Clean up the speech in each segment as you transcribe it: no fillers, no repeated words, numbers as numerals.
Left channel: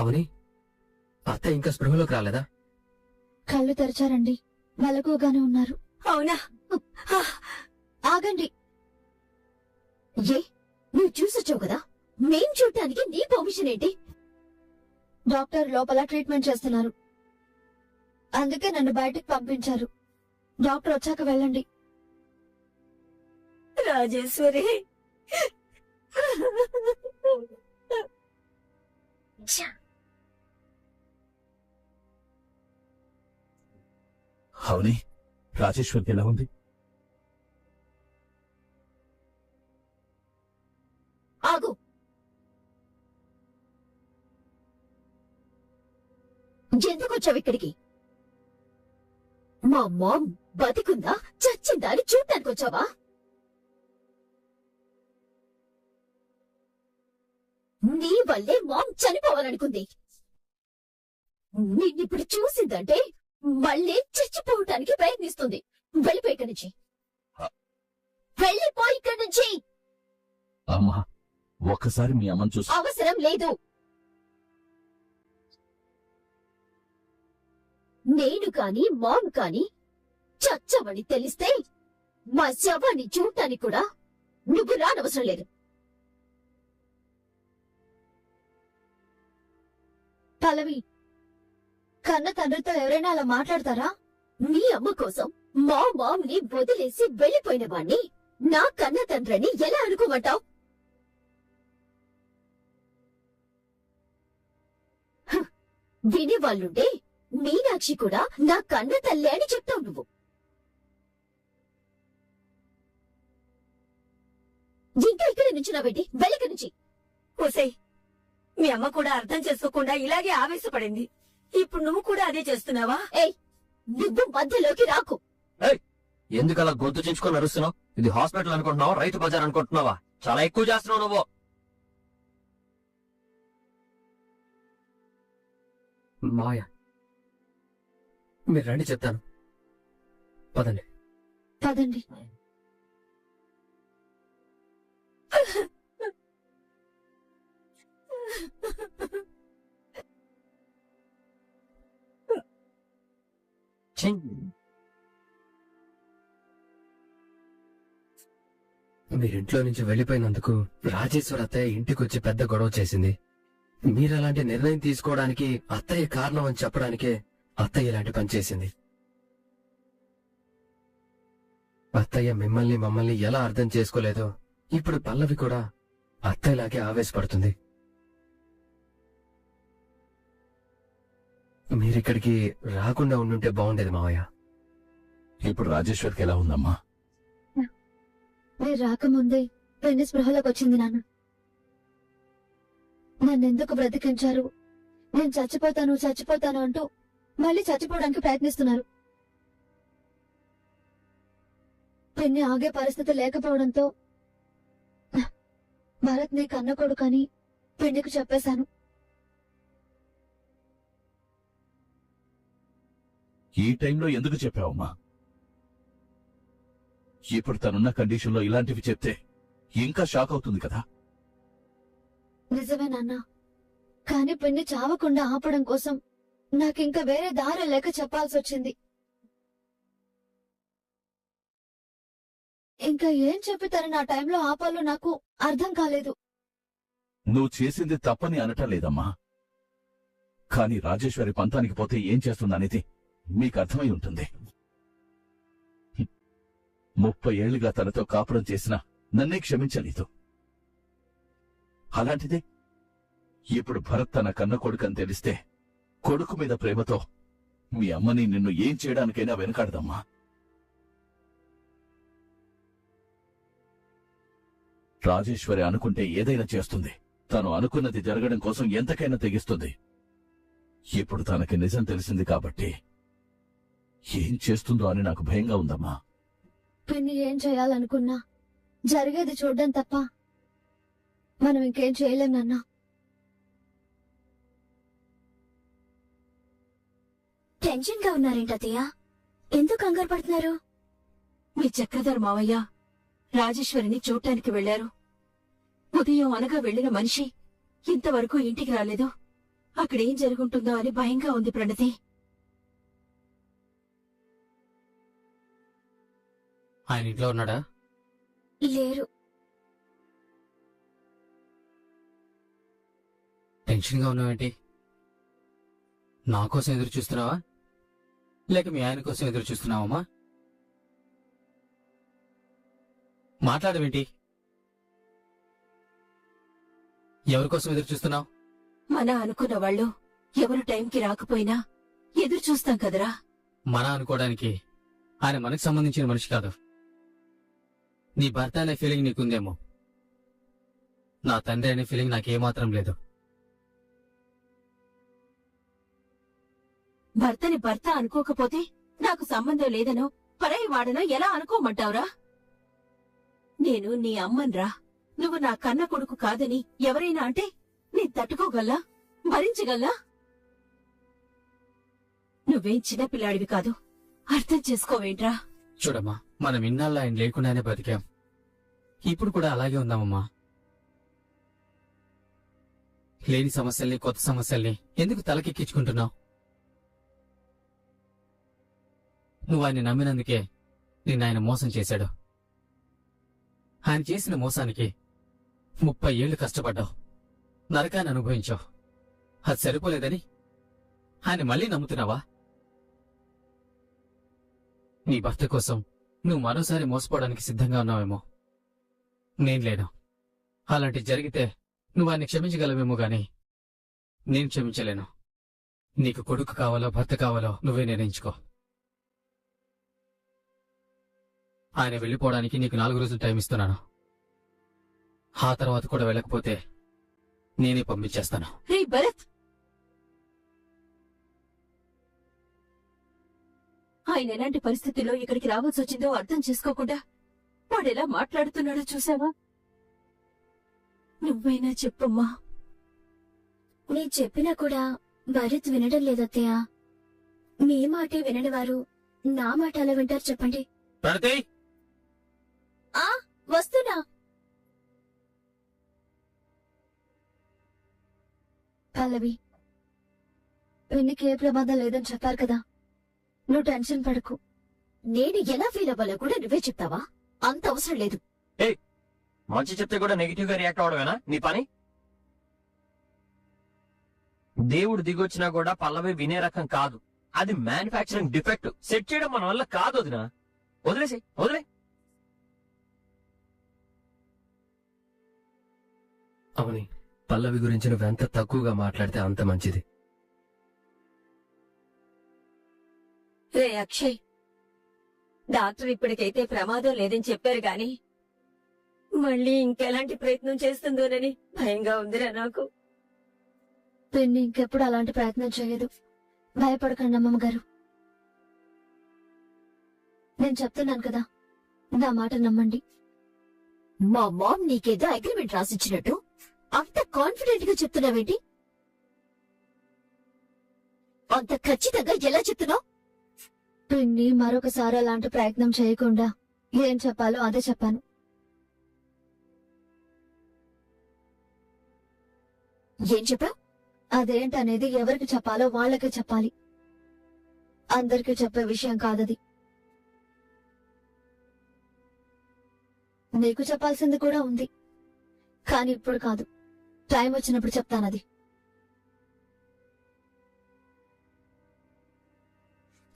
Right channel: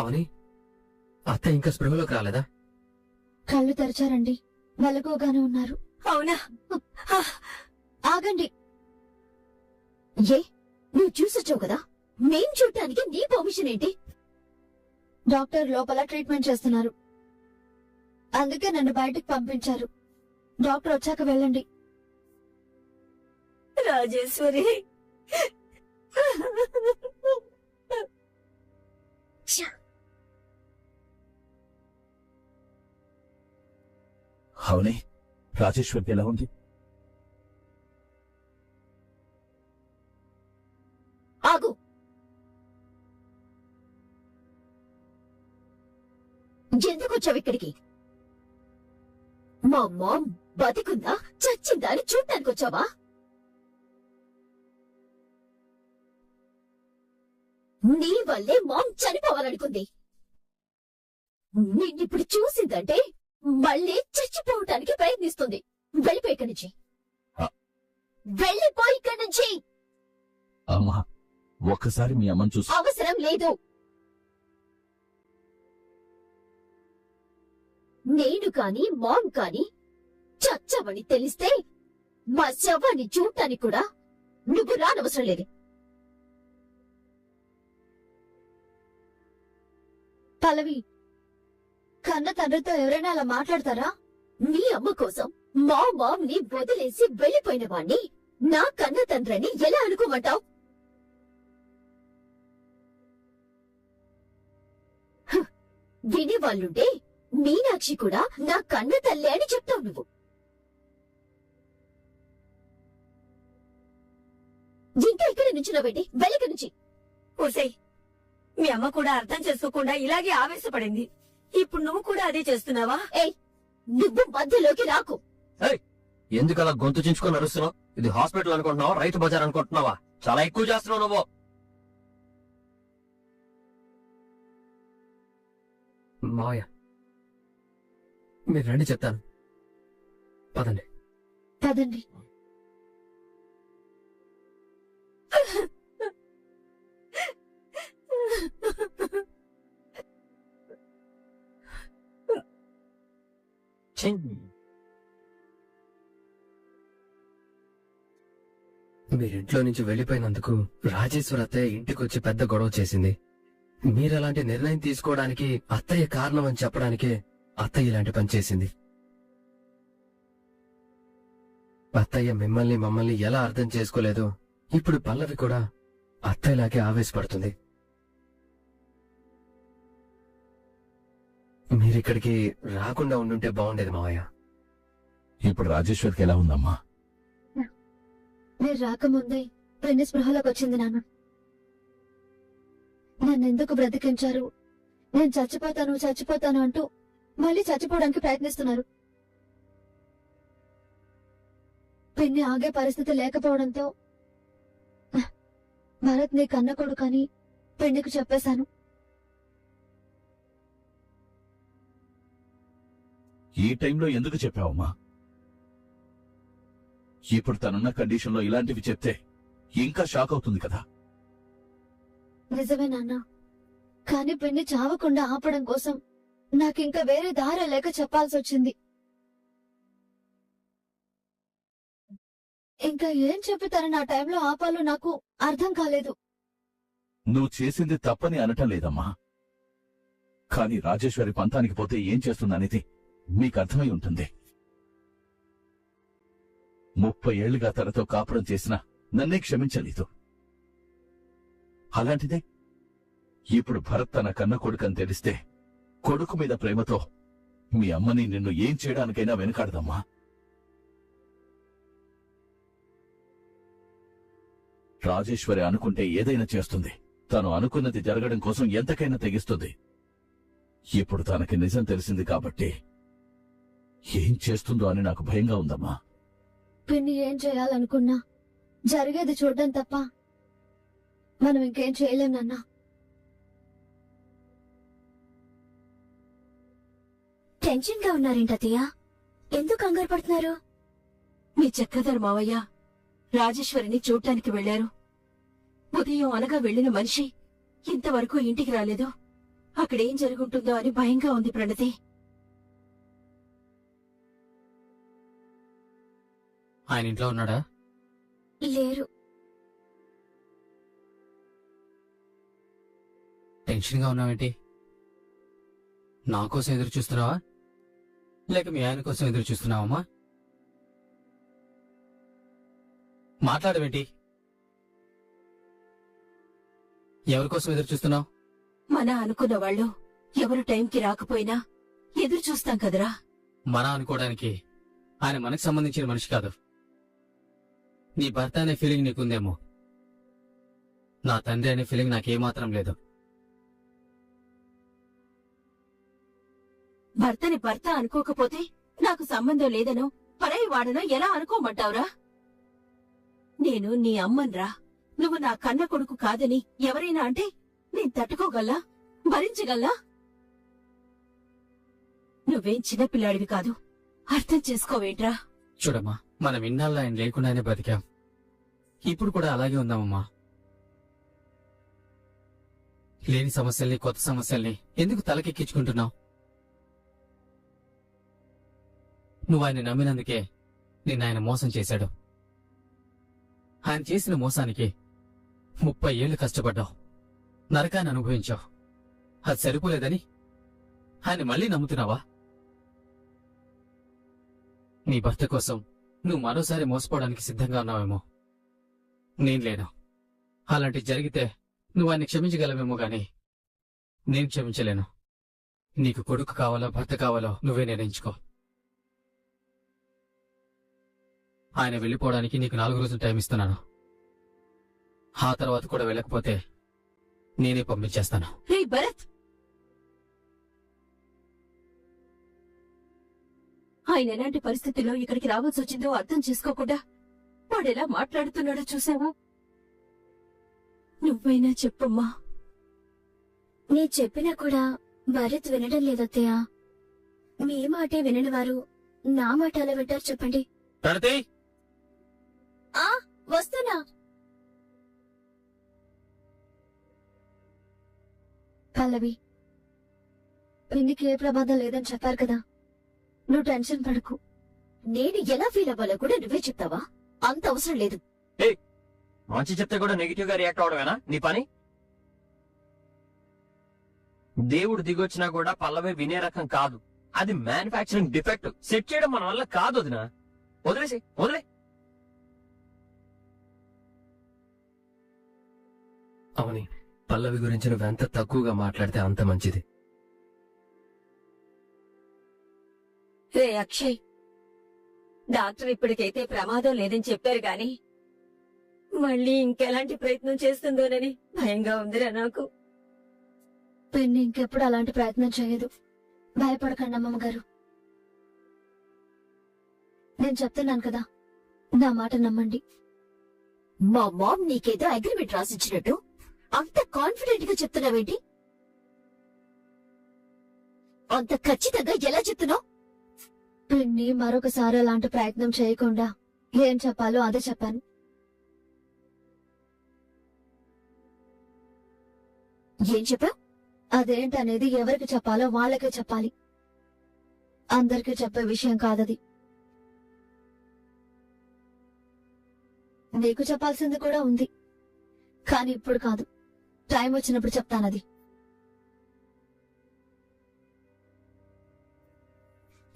అవని, అత్త ఇంకా స్పృహలోకి రాలేదా? కళ్ళు తెరిచారండి, మెలకుగానే ఉన్నారు. అవునా? ఆగండి. ఏ, నువ్వు చూసొచ్చావు కదా, మేం చూడటానికి నీ పర్మిషన్ ఏంటి? డాక్టర్ లోపల ట్రీట్మెంట్ చేస్తున్నారు, అందుకే నన్ను బయటకు పంపించారు. డాక్టర్ వచ్చాక వెళ్ళండి. రాజేశ్వరి, అవునే, రాజేశ్వరికి ఎలా ఉంది? ఆగు. ఎందుకు వచ్చావు ఇక్కడికి? మా మామ్ బతికుందా చచ్చిందా అని చూడటానికి వచ్చావా? నీ వల్లే మామ్ చనిపోవాలనుకుంది. నిన్నిప్పుడు చూసిందంటే మళ్ళీ చచ్చిపోవటానికి ప్రయత్నిస్తుంది. వెళ్ళిపో ఇక్కడి నుంచి, వెళ్ళిపో ఇక్కడి నుంచి. అమ్మా, ఒక్కసారి మీ అమ్మని చూసి. అవసరం లేదు. నేను కాని మామ్ కాని చచ్చావని తెలిస్తే మా శవాన్ని చూడటానికి కూడా నువ్వు రానవసరం లేదు. పల్లవి, కన్న తండ్రితో ఎవరైనా అలా మాట్లాడతారా? నీ అమ్మ కోసం మా మామ్ ని వదిలేసి వెళ్లిపోయిన వాణ్ణి నా కన్న తండ్రిని ఎలా అనుకోమంటావు? వినేవాళ్ళుంటే మీనాక్షి కూడా నా కన్న తల్లి అని చెప్తావు నువ్వు. ఇంకా ఇక్కడ నుంచి నవ్వేంటి? వెళ్ళిక నుంచి. ఓసై, మీ అమ్మ కూడా అర్థం చేసుకోకుండా ఇలాగే ఆవేశపడింది. ఇప్పుడు నువ్వు కూడా అదే చేస్తున్నావా? ఏయ్, నువ్వు మధ్యలోకి రాకు. ఎందుకు అలా గొంతు చించుకొని అరుస్తున్నావు? ఇది హాస్పిటల్ అనుకుంటున్నావా, రైతు బజార్ అనుకుంటున్నావా? చాలా ఎక్కువ చేస్తున్నావు నువ్వు. మాయ, మీరు రండి చెప్తాను. పదండి. పదండి. మీరింట్లో నుంచి వెళ్లిపోయినందుకు రాజేశ్వర అత్తయ్య ఇంటికొచ్చి పెద్ద గొడవ చేసింది. మీరలాంటి నిర్ణయం తీసుకోవడానికి అత్తయ్య కారణం అని చెప్పడానికే అత్తయ్య ఇలాంటి పని చేసింది. అత్తయ్య మిమ్మల్ని మమ్మల్ని ఎలా అర్థం చేసుకోలేదో ఇప్పుడు పల్లవి కూడా అత్తయ్యలాగే ఆవేశపడుతుంది. మీరిక్కడికి రాకుండా ఉండుంటే బాగుండేది మావయ్య. ఇప్పుడు రాజేశ్వరికి ఎలా ఉందమ్మా? మీరు రాకముందే పెళ్లి స్పృహలోకి వచ్చింది నాన్న. నన్నెందుకు బ్రతికించారు, నేను చచ్చిపోతాను చచ్చిపోతాను అంటూ మళ్ళీ చచ్చిపోవడానికి ప్రయత్నిస్తున్నారు. పెళ్లి ఆగే పరిస్థితి లేకపోవడంతో భరత్ నీ కన్న కొడుకని పెళ్లికి చెప్పేశాను. ఈ టైంలో ఎందుకు చెప్పావమ్మా? ఇప్పుడు తనున్న కండిషన్లో ఇలాంటివి చెప్తే ఇంకా షాక్ అవుతుంది కదా. నిజమే నాన్న, కానీ పెళ్లి చావకుండా ఆపడం కోసం నాకింకా వేరే దారి లేక చెప్పాల్సి వచ్చింది. ఇంకా ఏం చెప్పి తనని ఆ టైంలో ఆపాలో నాకు అర్థం కాలేదు. నువ్వు చేసింది తప్పని అనటం లేదమ్మా, కానీ రాజేశ్వరి పంతానికి పోతే ఏం చేస్తుందనేది మీకు అర్థమై ఉంటుంది. 30 ఏళ్లుగా తనతో కాపురం చేసినా నన్నే క్షమించలేదు. అలాంటిది ఇప్పుడు భరత్ తన కన్న కొడుకని తెలిస్తే కొడుకు మీద ప్రేమతో మీ అమ్మని నిన్ను ఏం చేయడానికైనా వెనకాడదమ్మా. రాజేశ్వరి అనుకుంటే ఏదైనా చేస్తుంది. తను అనుకున్నది జరగడం కోసం ఎంతకైనా తెగిస్తుంది. ఇప్పుడు తనకి నిజం తెలిసింది కాబట్టి ఏం చేస్తుందో అని నాకు భయంగా ఉందమ్మా. పిన్ని ఏం చేయాలనుకున్నా జరిగేది చూడడం తప్ప మనం ఇంకేం చేయలేం నాన్న. టెన్షన్ గా ఉన్నారేంటయ్య? ఎందుకు కంగారు పడుతున్నారు? మీ చక్రధర్ మావయ్య రాజేశ్వరిని చూడటానికి వెళ్లారు. ఉదయం అనగా వెళ్లిన మనిషి ఇంతవరకు ఇంటికి రాలేదు. అక్కడేం జరుగుంటుందో అని భయంగా ఉంది ప్రణతి. ఆయన ఇంట్లో ఉన్నాడా? లేరు. టెన్షన్ గా ఉన్నావేంటి? నా కోసం ఎదురు చూస్తున్నావా లేక మీ ఆయన కోసం ఎదురు చూస్తున్నావమ్మా? మాట్లాడమేంటి? ఎవరి కోసం ఎదురు చూస్తున్నావు? మన అనుకున్న వాళ్ళు ఎవరు టైంకి రాకపోయినా ఎదురు చూస్తాం కదరా. మన అనుకోవడానికి ఆయన మనకు సంబంధించిన మనిషి కాదు. నీ భర్త అనే ఫీలింగ్ నీకుందేమో, నా తండ్రి అనే ఫీలింగ్ నాకేమాత్రం లేదు. భర్తని భర్త అనుకోకపోతే నాకు సంబంధం లేదనో పరాయి వాడనో ఎలా అనుకోమంటావురా? నేను నీ అమ్మన్రా. నువ్వు నా కన్న కొడుకు కాదని ఎవరైనా అంటే నేను తట్టుకోగల్లా, భరించగల్లా? నువ్వేం చిన్నపిల్లాడివి కాదు, అర్థం చేసుకోవేంట్రా? చూడమ్మా, మనం ఇన్నాళ్ళు ఆయన లేకుండానే బతికాం. ఇప్పుడు కూడా అలాగే ఉందామమ్మా. లేని సమస్యల్ని, కొత్త సమస్యల్ని ఎందుకు తలకెక్కించుకుంటున్నావు? నువ్వు ఆయన నమ్మినందుకే నిన్ను ఆయన మోసం చేశాడు. ఆయన చేసిన మోసానికి 30 ఏళ్లు కష్టపడ్డావు, నరకాన్ని అనుభవించావు. అది సరిపోలేదని ఆయన మళ్ళీ నమ్ముతున్నావా? నీ భర్త కోసం నువ్వు మరోసారి మోసపోవడానికి సిద్ధంగా ఉన్నావేమో. నేను లేను. అలాంటి జరిగితే నువ్వు ఆయన్ని క్షమించగలవేమో గాని నేను క్షమించలేను. నీకు కొడుకు కావాలో భర్త కావాలో నువ్వే నిర్ణయించుకో. ఆయన వెళ్ళిపోవడానికి నీకు 4 రోజులు టైం ఇస్తున్నాను. ఆ తర్వాత కూడా వెళ్ళకపోతే నేనే పంపించేస్తాను. రే భరత్, ఆయన ఎలాంటి పరిస్థితుల్లో ఇక్కడికి రావాల్సి వచ్చిందో అర్థం చేసుకోకుండా వాడెలా మాట్లాడుతున్నాడో చూసావా? నువ్వైనా చెప్పమ్మా. నేను చెప్పినా కూడా భరత్ వినడం లేదత్తయ్య. మీ మాటే వినని వారు నా మాట అలా వింటారు చెప్పండి. ప్రణతి, ఆ వస్తున్నా. పల్లవి, పెళ్లికి ఏ ప్రమాదం లేదని చెప్పారు కదా, నువ్వు టెన్షన్ పడకు. నేను ఎలా ఫీల్ అవ్వాలో కూడా నువ్వే చెప్తావా? అంత అవసరం లేదు. మంచి చెప్తే కూడా నెగిటివ్ గా రియాక్ట్ అవడమేనా నీ పని? దేవుడు దిగొచ్చినా కూడా పల్లవి వినే రకం కాదు. అది మ్యానుఫాక్చరింగ్ డిఫెక్ట్. సెట్ చేయడం మన వల్ల కాదు. వదినా, వదిలేసి వదిలే. అవుని, పల్లవి గురించి నువ్వెంత తక్కువగా మాట్లాడితే అంత మంచిది. రే అక్షయ్, డాక్టర్ ఇప్పటికైతే ప్రమాదం లేదని చెప్పారు గాని మళ్ళీ ఇంకెలాంటి ప్రయత్నం చేస్తుందోనని భయంగా ఉందిరా నాకు. పెన్ను ఇంకెప్పుడు అలాంటి ప్రయత్నం చేయదు. భయపడకండి అమ్మమ్మ గారు. నేను చెప్తున్నాను కదా, నా మాట నమ్మండి. మా మామ్ నీకేదో అగ్రిమెంట్ రాసిచ్చినట్టు అంత కాన్ఫిడెంట్ గా చెప్తున్నావేంటి? అంత ఖచ్చితంగా ఎలా చెప్తున్నావు? పిన్ని మరొకసారి అలాంటి ప్రయత్నం చేయకుండా ఏం చెప్పాలో అదే చెప్పాను. ఏం చెప్పావు? అదేంటనేది ఎవరికి చెప్పాలో వాళ్ళకే చెప్పాలి. అందరికీ చెప్పే విషయం కాదది. నీకు చెప్పాల్సింది కూడా ఉంది, కానీ ఇప్పుడు కాదు. టైం వచ్చినప్పుడు చెప్తానది.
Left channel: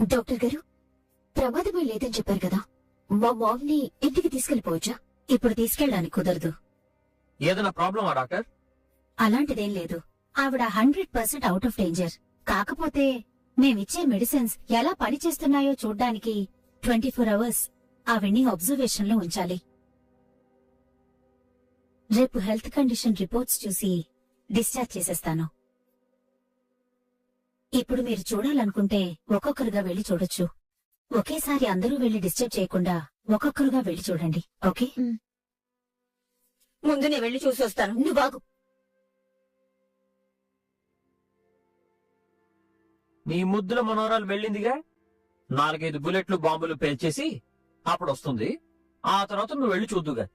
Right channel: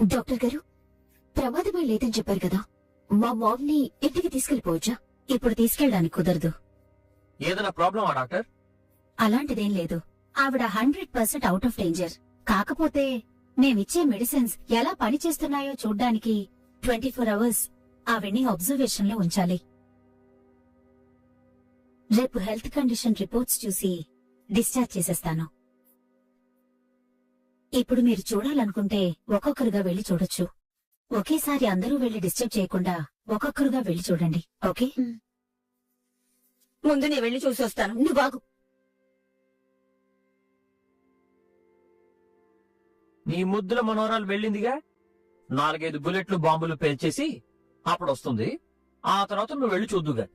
డాక్టర్ గారు, ప్రమాదమే లేదని చెప్పారు కదా, మా మామ్ ని ఇంటికి తీసుకెళ్లిపోవచ్చా? ఇప్పుడు తీసుకెళ్ళడానికి కుదరదు. ఏదైనా ప్రాబ్లమా డాక్టర్? అలాంటిదేం లేదు. ఆవిడ 100% అవుట్ ఆఫ్ డేంజర్. కాకపోతే మేమిచ్చే మెడిసిన్స్ ఎలా పనిచేస్తున్నాయో చూడ్డానికి 24 అవర్స్ ఆవిడ్ని అబ్జర్వేషన్ లో ఉంచాలి. రేపు హెల్త్ కండిషన్ రిపోర్ట్స్ చూసి డిశ్చార్జ్ చేసేస్తాను. ఇప్పుడు మీరు చూడాలనుకుంటే ఒక్కొక్కరుగా వెళ్లి చూడొచ్చు. ఒకేసారి అందరూ వెళ్లి డిస్టర్బ్ చేయకుండా ఒక్కొక్కరుగా వెళ్లి చూడండి. ఓకే? ముందు నేను వెళ్ళి చూసి వస్తాను. నువ్వు బాగు. నీ ముద్దుల మనోరాలు వెళ్ళిందిగా, 4-5 బుల్లెట్లు బాంబులు పేల్చేసి అప్పుడు వస్తుంది. ఆ తర్వాత నువ్వు వెళ్ళి చూద్దుగా.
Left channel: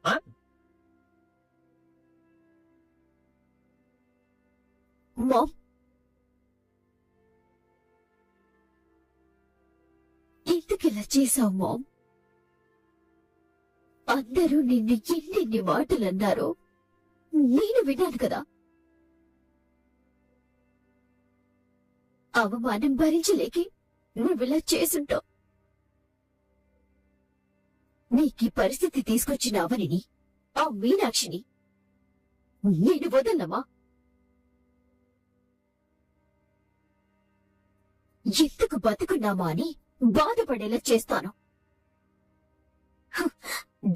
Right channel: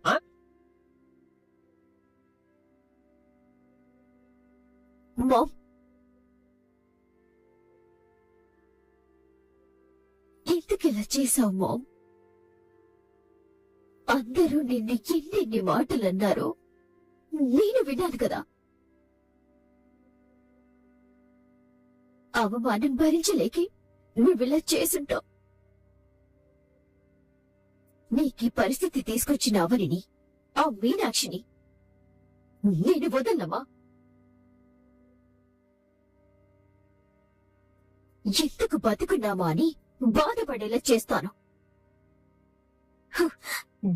మామ్, ఎందుకిలా చేసావు మామ్? అందరూ నిన్ను ఎన్నెన్ని మాటలు అన్నారు, నేను విన్నాను కదా. అవమానం భరించలేకే నువ్విలా చేసుంటావు. నీకీ పరిస్థితి తీసుకొచ్చిన అవనిని, ఆ మీనాక్షిని నేను వదలమ్మా. ఎందుకు బతుకున్నామా అని బాధపడేలా చేస్తాను.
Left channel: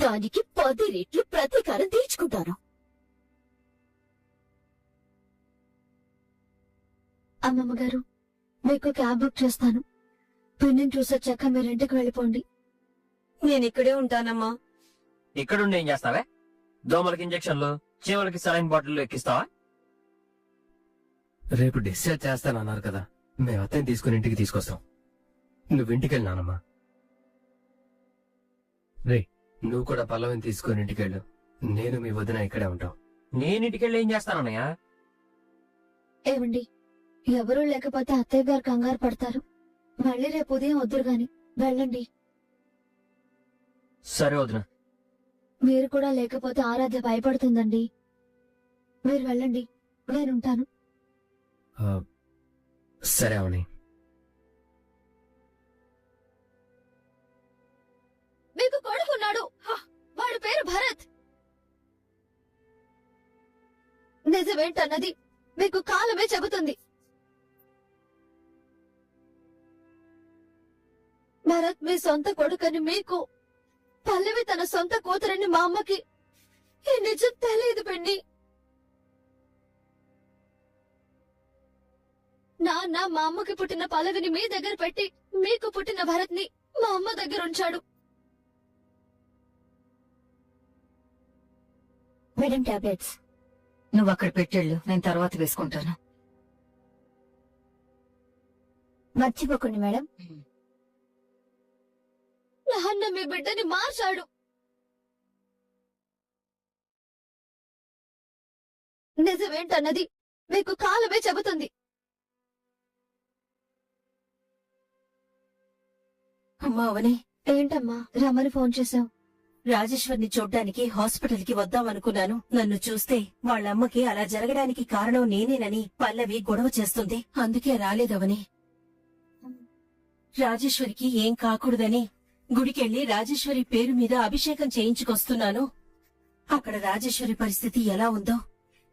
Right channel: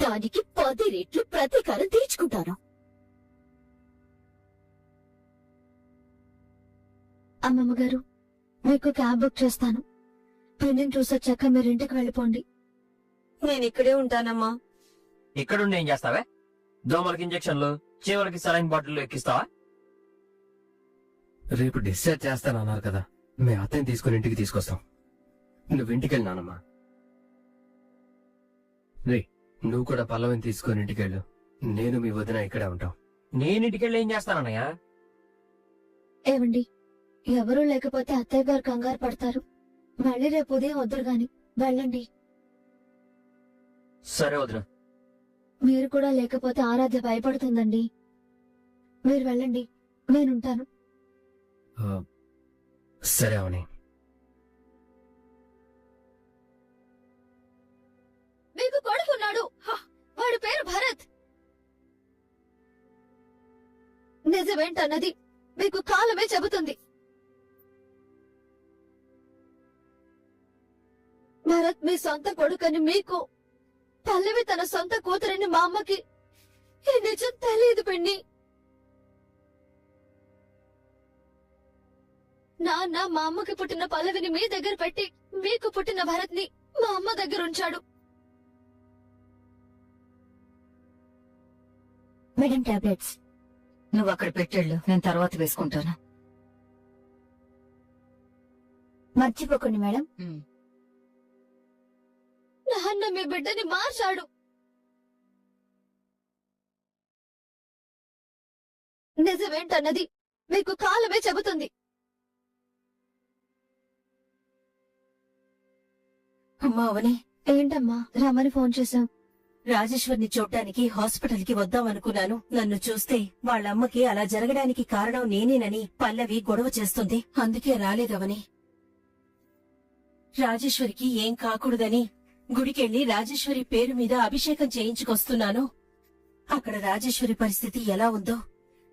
దానికి 10 రెట్లు ప్రతీకారం తీర్చుకుంటాను. అమ్మమ్మ గారు, మీకు క్యాబ్ బుక్ చేస్తాను. పిన్నిని చూసొచ్చాక మీరు ఇంటికి వెళ్ళిపోండి. నేనిక్కడే ఉంటానమ్మా. ఇక్కడుండి ఏం చేస్తావే? దోమలకి ఇంజక్షన్లు, చీమలకి సలైన్ బాటిల్ ఎక్కిస్తావా? రేపు డిశ్చార్జ్ చేస్తానన్నారు కదా, మేము అత్తని తీసుకుని ఇంటికి తీసుకొస్తాం. నువ్వు ఇంటికి వెళ్ళినానమ్మా. రే, నువ్వు కూడా పల్లవిని తీసుకుని ఇంటికి వెళ్ళు. నేను మీ వదిన ఇక్కడే ఉంటాం. నేనింటికి వెళ్ళి ఏం చేస్తానన్నయ్య? ఏమండి, ఎవరూ లేకపోతే అత్తయ్య గారు కంగారు పడతారు. మళ్ళీ రేపు ఉదయం వద్దురు గాని వెళ్ళండి. సరే వదిన. మీరు కూడా లేకపోతే ఆరాధ భయపడుతుందండి. మీరు వెళ్ళండి, నేనుంటాను. సరే అవని. మీకు కొడుకున్నాడు, వాడి పేరు భరత్. నిజమేంటన్నది మీకు కాలమే చెబుతుంది. భరత్ మీ సొంత కొడుకని మీకు, పల్లవి తన సొంత కూతురని మా అమ్మకి ఈ నిజం తెలియదు పిన్ని. నాన్న మా అమ్మకి పుట్టిన పల్లవిని మీ దగ్గర పెట్టి, మీకు పుట్టిన భరత్ ని మా అమ్మ దగ్గర ఉంచాడు. మేడం టాబ్లెట్స్ నువ్వు అక్కడ పెట్టెళ్ళు, నేను తర్వాత వేసుకుంటాను. మర్చిపోకండి మేడం. నాన్న మీ బిడ్డని మార్చాడు. నిజమేంటన్నది మీకు కాలమే చెబుతుంది. అమ్మా అవని, ఏంటమ్మా రమ్మని ఫోన్ చేశావు? రాజేశ్వర్ని చూడ్డానికి హాస్పిటల్ కి వద్దామనుకున్నాను. నన్ను చూస్తే వాళ్ళమ్మకి అలా జరగడానికి కారణం నేనేనని పల్లవి గొడవ చేస్తుంది. అందుకే రాలేదవని. రాజేశ్వరికి ఏం కాకూడదని గుడికెళ్లి రాజేశ్వరి పేరు మీద అభిషేకం చేయించుకొస్తున్నాను. అక్కడ రాజేశ్వరి పరిస్థితి ఎలా ఉందో,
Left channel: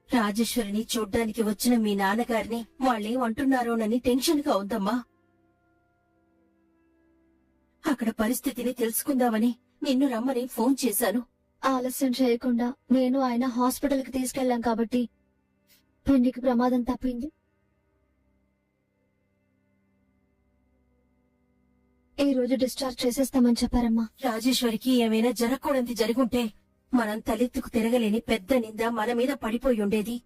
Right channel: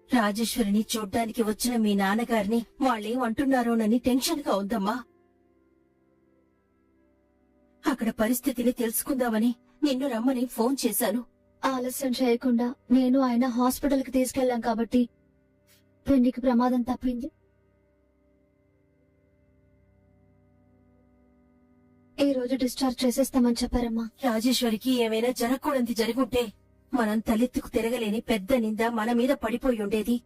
రాజేశ్వరిని చూడ్డానికి వచ్చిన మీ నాన్నగారిని వాళ్ళేమంటున్నారోనని టెన్షన్ గా ఉందమ్మా. అక్కడ పరిస్థితిని తెలుసుకుందామని నిన్ను రమ్మని ఫోన్ చేశాను. ఆలస్యం చేయకుండా నేను ఆయన హాస్పిటల్ కి తీసుకెళ్లాం కాబట్టి పిన్నికి ప్రమాదం తప్పింది. ఈ రోజు డిశ్చార్జ్ చేసేస్తామని చెప్పారమ్మా. రాజేశ్వరికి ఏమైనా జరగకూడదు జరుగుంటే మనం తలెత్తుకు తిరగలేని పెద్ద నింద మన మీద పడిపోయి ఉండేది.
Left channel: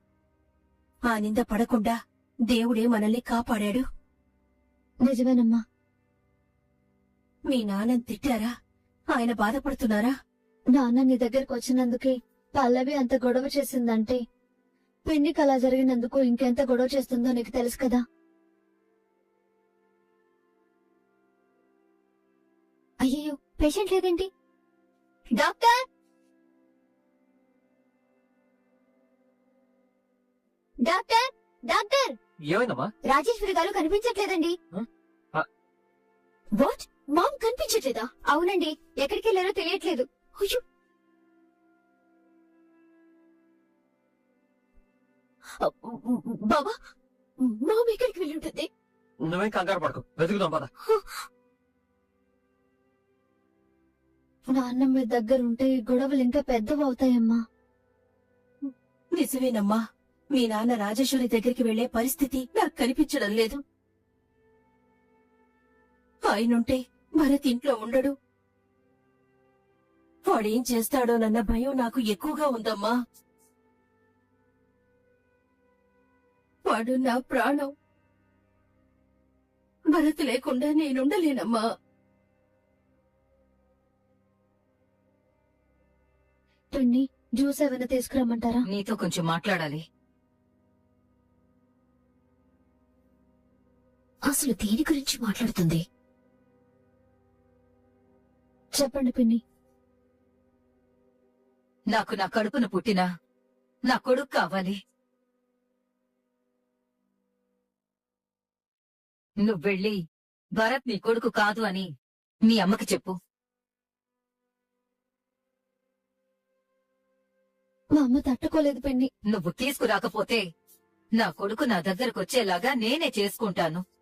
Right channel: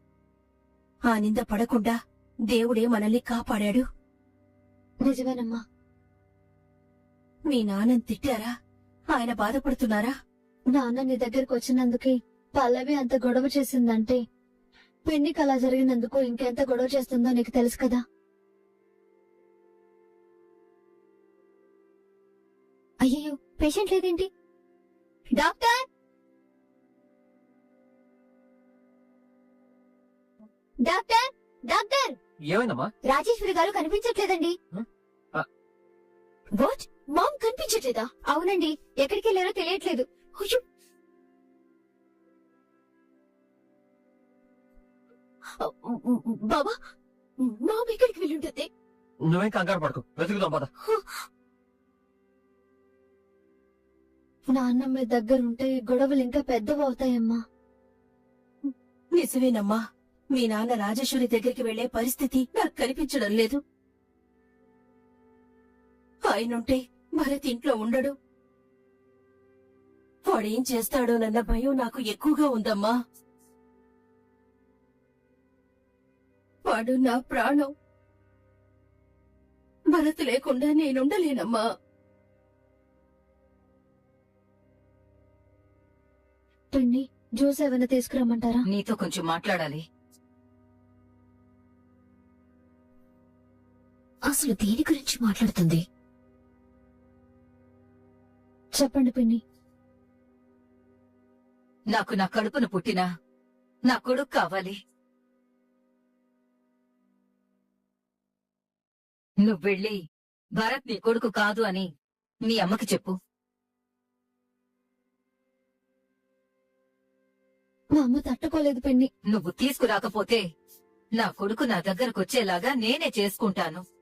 ఆ నింద పడకుండా దేవుడే మనల్ని కాపాడాడు. నిజమేనమ్మా. మీ నాన్నని తిట్టారా? ఆయన బాధపడుతున్నారా? నాన్న నీ దగ్గరకు వచ్చినందుకే పల్లవి అంత గొడవ చేసిందంటే, పిన్నికి అలా జరిగినందుకు ఇంకెంత గొడవ చేస్తుందో నీకు తెలుసు కదా. అయ్యో, పేషెంట్ లేదేంటి? Doctor, doctor, doctor! ఏమైందమ్మా? రాజేశ్వరి గారు కనిపించట్లేదండి. వాట్? మామ్ కనిపించట్లేదా? అవునండి, ఎక్కడికి వెళ్ళారో తెలియట్లేదు. అయ్యో, బాబా, మామ్ ఎక్కడికి వెళ్ళుంటుంది? నువ్వేం కంగారు పడకు, వెతుకుదాం పద. నాన్న మీ దగ్గర ఉంటే ఈ గొడవలు ఇంకా పెద్దవి అవుతాయమ్మా. నిజమేనమ్మా, మీ నాన్న రాజేశ్వరి దగ్గరికి వెళ్లే పరిస్థితి నాకు కనిపించడం లేదు. ఆయనుంటే భరత్ ఇంట్లో ఉండడు. వాడేం చేస్తాడోనన్న భయం నాకు ఎక్కువగా ఉందమ్మా. వాడు నా ప్రాణం. భరత్ లేకుండా నేనుండలేనమ్మా. పిన్ని, జ్యూస్ ఏమైనా తీసుకురమ్మంటారా? నీతో కొంచెం మాట్లాడాలి. అసలు దేని గురించి మాట్లాడుతుంది? చెప్పండి పిన్ని. నాకు నా కడుపున పుట్టిన నా కొడుకు కావాలి. నువ్వెళ్ళి భరత్ నీ కొడుకు కాదు అని మీ అమ్మకి చెప్పు. మా అమ్మ తట్టుకోలేదు పిన్ని. నువ్వు తీసుకురాకపోతే నా కొడుకు నా దగ్గరకొచ్చేలాగా నేనే చేసుకుంటాను.